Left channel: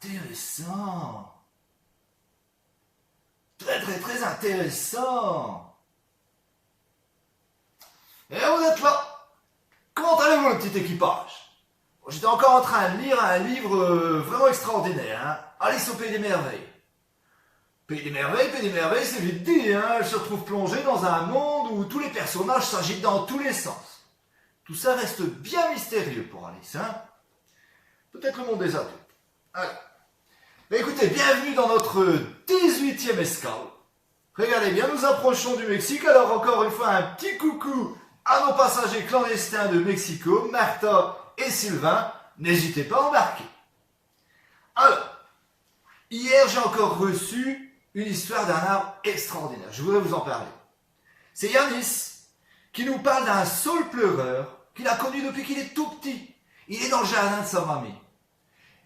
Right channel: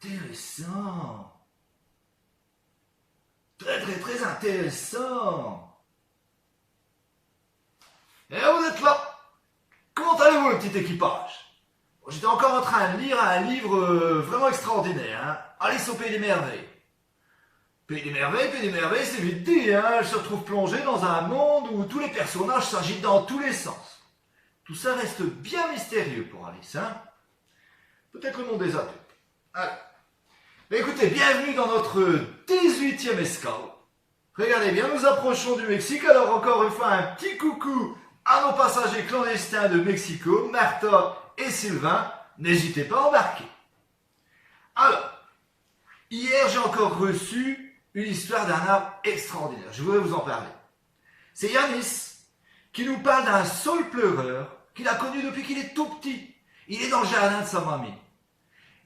Intéressant. Très très très intéressant. Et vous êtes là. Comment allez-vous le petit équipage? J'étais encore en train de lire un livre vraiment extraordinaire, hein. Alice au Pays des Merveilles. Pays des Merveilles, c'est vite dit, hein. Elle se retrouve plongée dans un monde où tous les personnages s'agitent dans tous les sens. Tout ça reste bien mystérieux pour Alice, hein. Peut-être le monde des adultes. Alors, mais écoutez, bienvenue dans notre 18e escale. Regardez bien, nous approchons du Mexique, alors encore une fois un petit coucou à nos passagers clandestins de Mexico, Martha et Sylvain. N'hésitez pas à embarquer. Alors, hier j'ai encore reçu une histoire d'un arbre extraordinaire. Je voudrais vous en parler. C'est Yanis qui nous parle d'un saule pleureur qu'il a connu depuis qu'il est tout petit. Il est dans le jardin de sa mamie.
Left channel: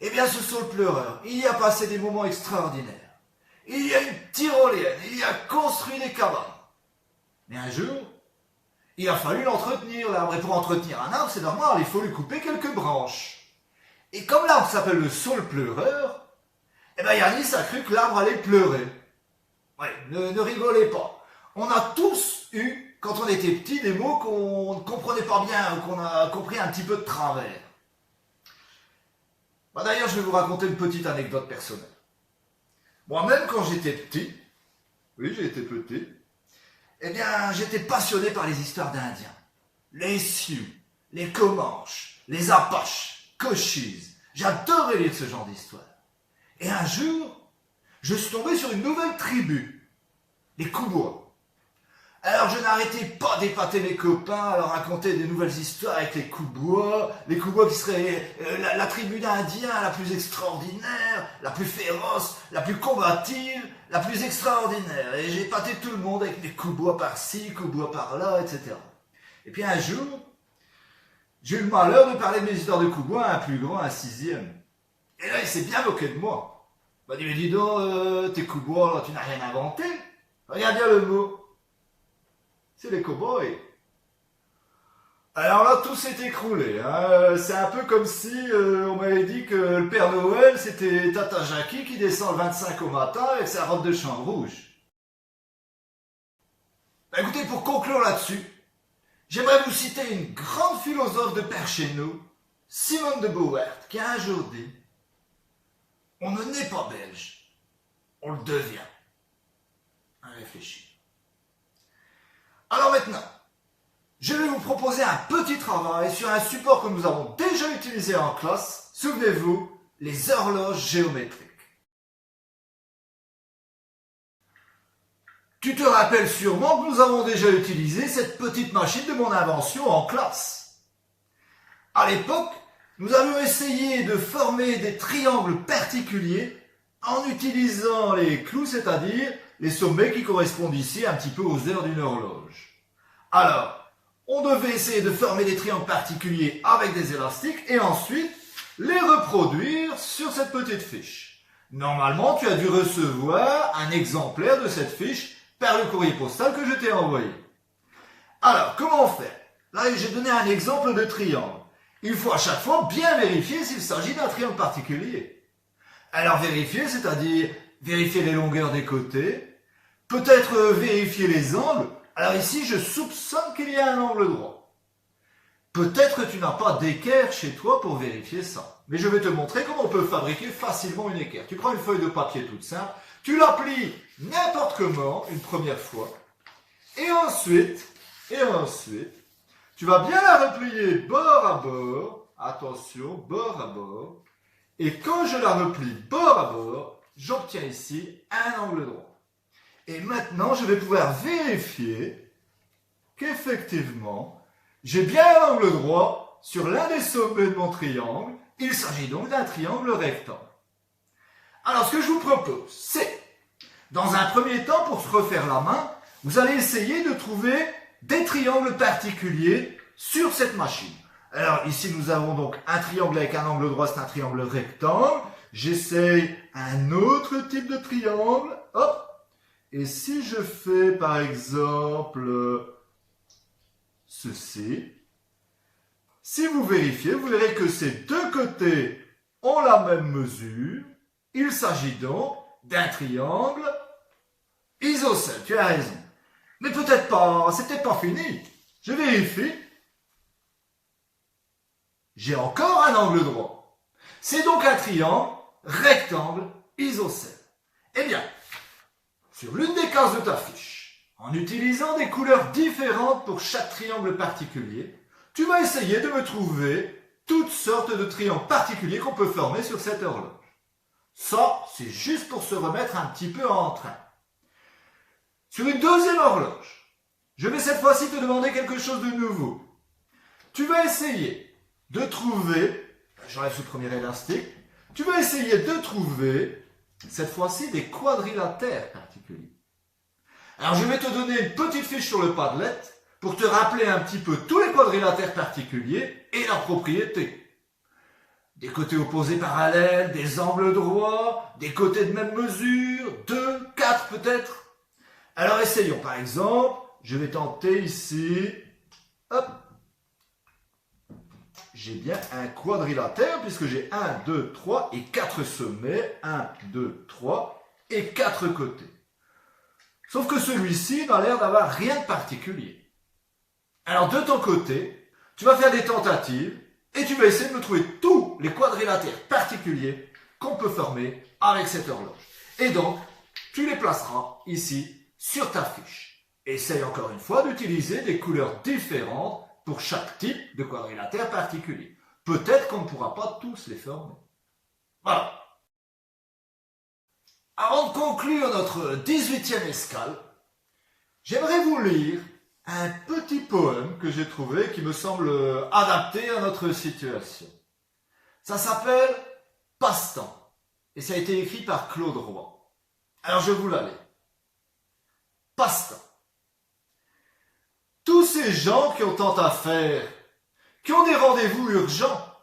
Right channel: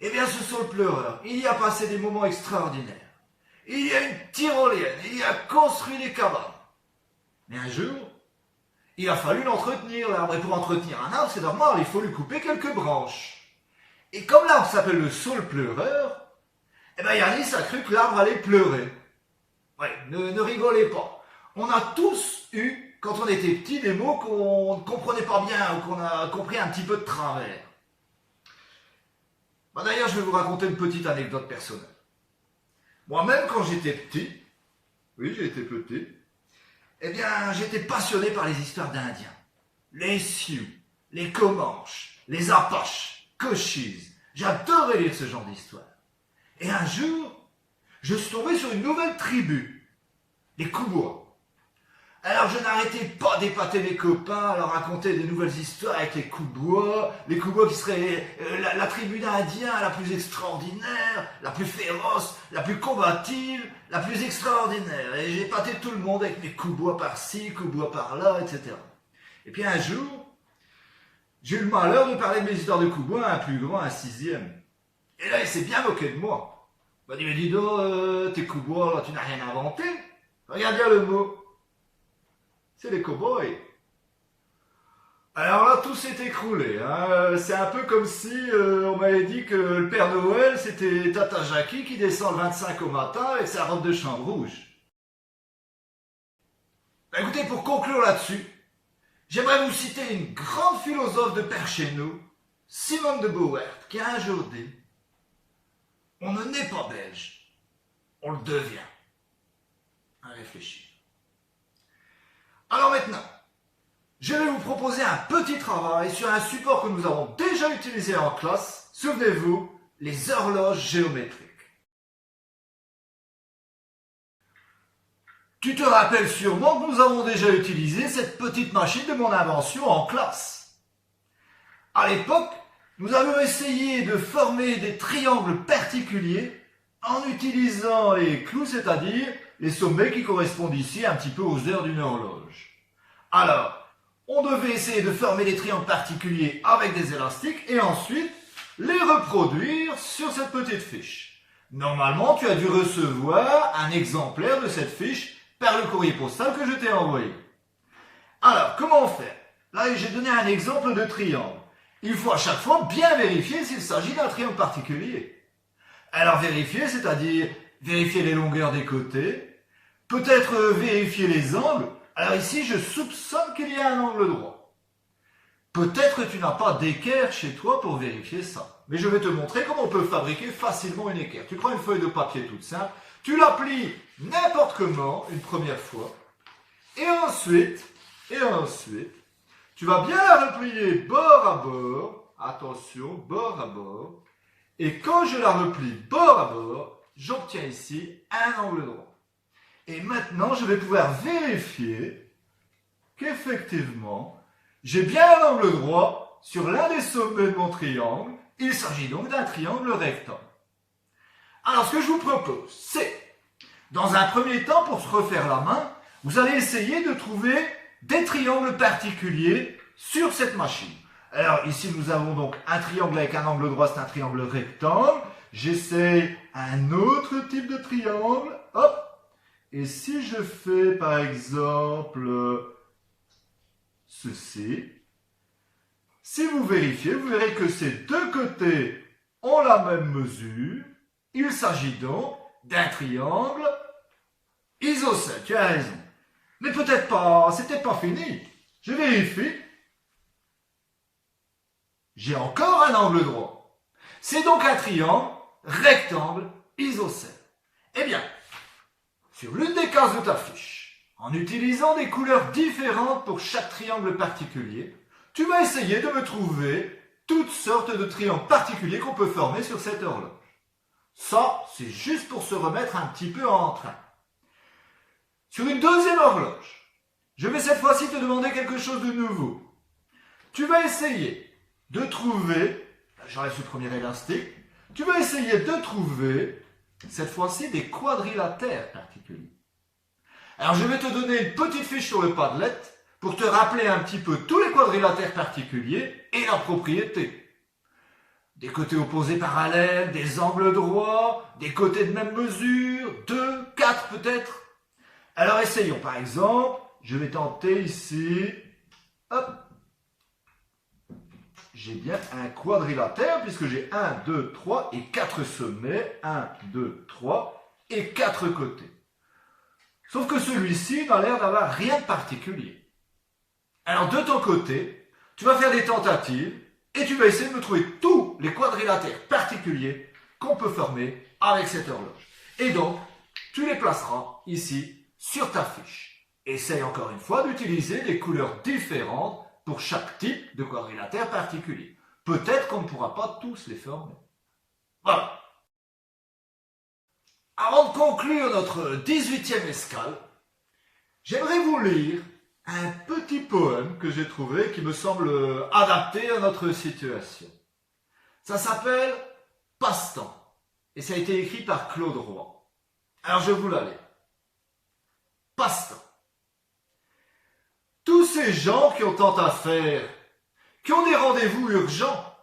Eh bien, ce saule pleureur, il y a passé des moments extraordinaires. Il y a une tyrolienne, il y a construit des cabanes. Mais un jour, il a fallu l'entretenir, l'arbre. Et pour entretenir un arbre, c'est normal, il faut lui couper quelques branches. Et comme l'arbre s'appelle le saule pleureur, eh bien, Yanis a cru que l'arbre allait pleurer. Ouais, ne rigolez pas. On a tous eu, quand on était petit, des mots qu'on ne comprenait pas bien ou qu'on a compris un petit peu de travers. Bah d'ailleurs, je vais vous raconter une petite anecdote personnelle. Moi-même, quand j'étais petit, oui, j'ai été petit, eh bien, j'étais passionné par les histoires d'Indiens. Les Sioux, les Comanches, les Apaches, Cochise. J'adorais lire ce genre d'histoires. Et un jour, je suis tombé sur une nouvelle tribu, les Koubois. Alors je n'arrêtais pas d'épater mes copains à leur raconter des nouvelles histoires avec les Koubois qui seraient la tribu d'Indiens la plus extraordinaire, la plus féroce, la plus combative, la plus extraordinaire. Et j'ai épaté tout le monde avec mes Koubois par-ci, Koubois par-là, etc. Et puis un jour, j'ai eu le malheur de parler de mes histoires de Koubois à un plus grand, un 6e. Et là, il s'est bien moqué de moi. Il m'a dit, mais dis donc, tes Koubois, là, tu n'as rien inventé. Regarde bien le mot. C'est les cow-boys. Alors là, tout s'est écroulé. Hein. C'est un peu comme si on m'avait dit que le Père Noël, c'était Tata Jackie qui descend le 25 au matin avec sa robe de chambre rouge. Bah, écoutez, pour conclure là-dessus, j'aimerais vous citer une grande philosophe de par chez nous, Simone de Beauvoir, qui a un jour dit « On ne naît pas belge, on le devient. » Réfléchis. Alors maintenant, je vais vous proposer un petit travail sur un support que nous avons déjà utilisé en classe. Souvenez-vous, les horloges géométriques. Tu te rappelles sûrement que nous avons déjà utilisé cette petite machine de mon invention en classe. À l'époque, nous avions essayé de former des triangles particuliers en utilisant les clous, c'est-à-dire les sommets qui correspondent ici un petit peu aux heures d'une horloge. Alors, on devait essayer de former des triangles particuliers avec des élastiques et ensuite les reproduire sur cette petite fiche. Normalement, tu as dû recevoir un exemplaire de cette fiche par le courrier postal que je t'ai envoyé. Alors, comment faire? Là, j'ai donné un exemple de triangle. Il faut à chaque fois bien vérifier s'il s'agit d'un triangle particulier. Alors, vérifier, c'est-à-dire vérifier les longueurs des côtés, peut-être vérifier les angles. Alors ici, je soupçonne qu'il y a un angle droit. Peut-être que tu n'as pas d'équerre chez toi pour vérifier ça. Mais je vais te montrer comment on peut fabriquer facilement une équerre. Tu prends une feuille de papier toute simple, tu la plies n'importe comment une première fois, et ensuite, tu vas bien la replier bord à bord, attention, bord à bord, et quand je la replie bord à bord, j'obtiens ici un angle droit. Et maintenant, je vais pouvoir vérifier qu'effectivement, j'ai bien un angle droit sur l'un des sommets de mon triangle. Il s'agit donc d'un triangle rectangle. Alors, ce que je vous propose, c'est, dans un premier temps, pour se refaire la main, vous allez essayer de trouver des triangles particuliers sur cette machine. Alors, ici, nous avons donc un triangle avec un angle droit, c'est un triangle rectangle. J'essaye un autre type de triangle. Hop! Et si je fais, par exemple, ceci, si vous vérifiez, vous verrez que ces deux côtés ont la même mesure. Il s'agit donc d'un triangle isocèle. Tu as raison. Mais peut-être pas, c'est peut-être pas fini. Je vérifie. J'ai encore un angle droit. C'est donc un triangle rectangle isocèle. Eh bien, sur l'une des cases de ta fiche, en utilisant des couleurs différentes pour chaque triangle particulier, tu vas essayer de me trouver toutes sortes de triangles particuliers qu'on peut former sur cette horloge. Ça, c'est juste pour se remettre un petit peu en train. Sur une deuxième horloge, je vais cette fois-ci te demander quelque chose de nouveau. Tu vas essayer de trouver, j'enlève ce premier élastique, tu vas essayer de trouver, cette fois-ci, des quadrilatères particuliers. Alors je vais te donner une petite fiche sur le Padlet pour te rappeler un petit peu tous les quadrilatères particuliers et leurs propriétés. Des côtés opposés parallèles, des angles droits, des côtés de même mesure, 2, 4 peut-être. Alors essayons par exemple, je vais tenter ici, hop, j'ai bien un quadrilatère puisque j'ai 1, 2, 3 et 4 sommets, 1, 2, 3 et 4 côtés. Sauf que celui-ci n'a l'air d'avoir rien de particulier. Alors de ton côté, tu vas faire des tentatives et tu vas essayer de me trouver tous les quadrilatères particuliers qu'on peut former avec cette horloge. Et donc, tu les placeras ici sur ta fiche. Essaye encore une fois d'utiliser des couleurs différentes pour chaque type de quadrilatère particulier. Peut-être qu'on ne pourra pas tous les former. Voilà. Avant de conclure notre 18e escale, j'aimerais vous lire un petit poème que j'ai trouvé qui me semble adapté à notre situation. Ça s'appelle « Passe-temps » et ça a été écrit par Claude Roy. Alors je vous la lis. Passe-temps. Tous ces gens qui ont tant à faire, qui ont des rendez-vous urgents,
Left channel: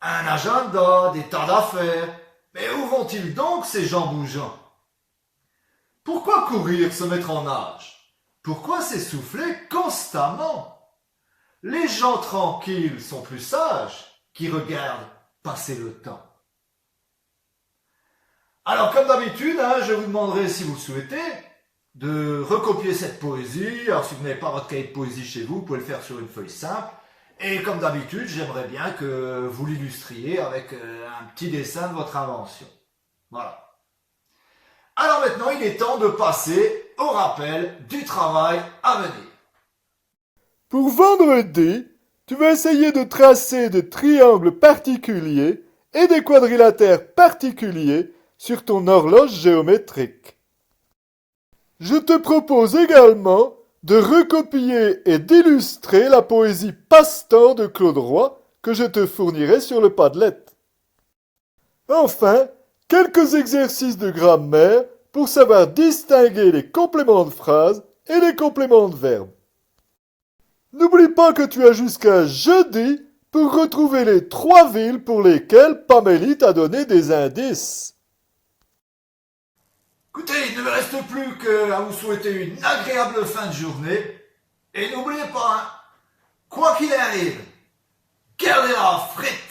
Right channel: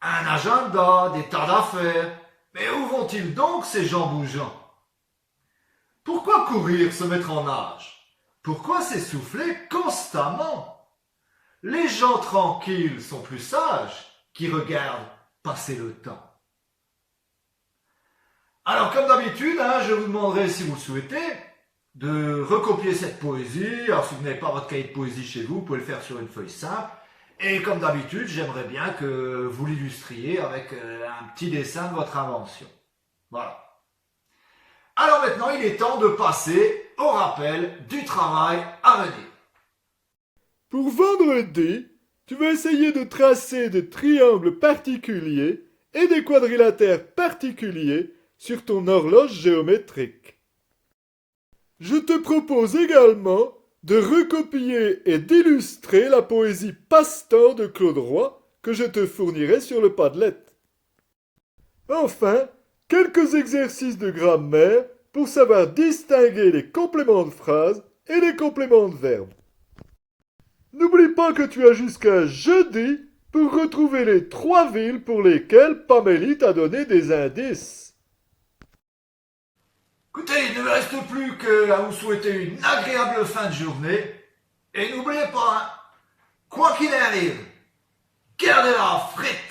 un agenda, des tas d'affaires, mais où vont-ils donc ces gens bougeants? Pourquoi courir, se mettre en nage? Pourquoi s'essouffler constamment? Les gens tranquilles sont plus sages qui regardent passer le temps. Alors comme d'habitude, je vous demanderai si vous le souhaitez de recopier cette poésie. Alors si vous n'avez pas votre cahier de poésie chez vous, vous pouvez le faire sur une feuille simple. Et comme d'habitude, j'aimerais bien que vous l'illustriez avec un petit dessin de votre invention. Voilà. Alors maintenant, il est temps de passer au rappel du travail à venir. Pour vendredi, tu vas essayer de tracer des triangles particuliers et des quadrilatères particuliers sur ton horloge géométrique. Je te propose également de recopier et d'illustrer la poésie Passe-temps de Claude Roy que je te fournirai sur le Padlet. Enfin, quelques exercices de grammaire pour savoir distinguer les compléments de phrase et les compléments de verbe. N'oublie pas que tu as jusqu'à jeudi pour retrouver les 3 villes pour lesquelles Pamélie t'a donné des indices. Écoutez, il ne me reste plus qu'à vous souhaiter une agréable fin de journée. Et n'oubliez pas, quoi qu'il arrive, gardez la frite.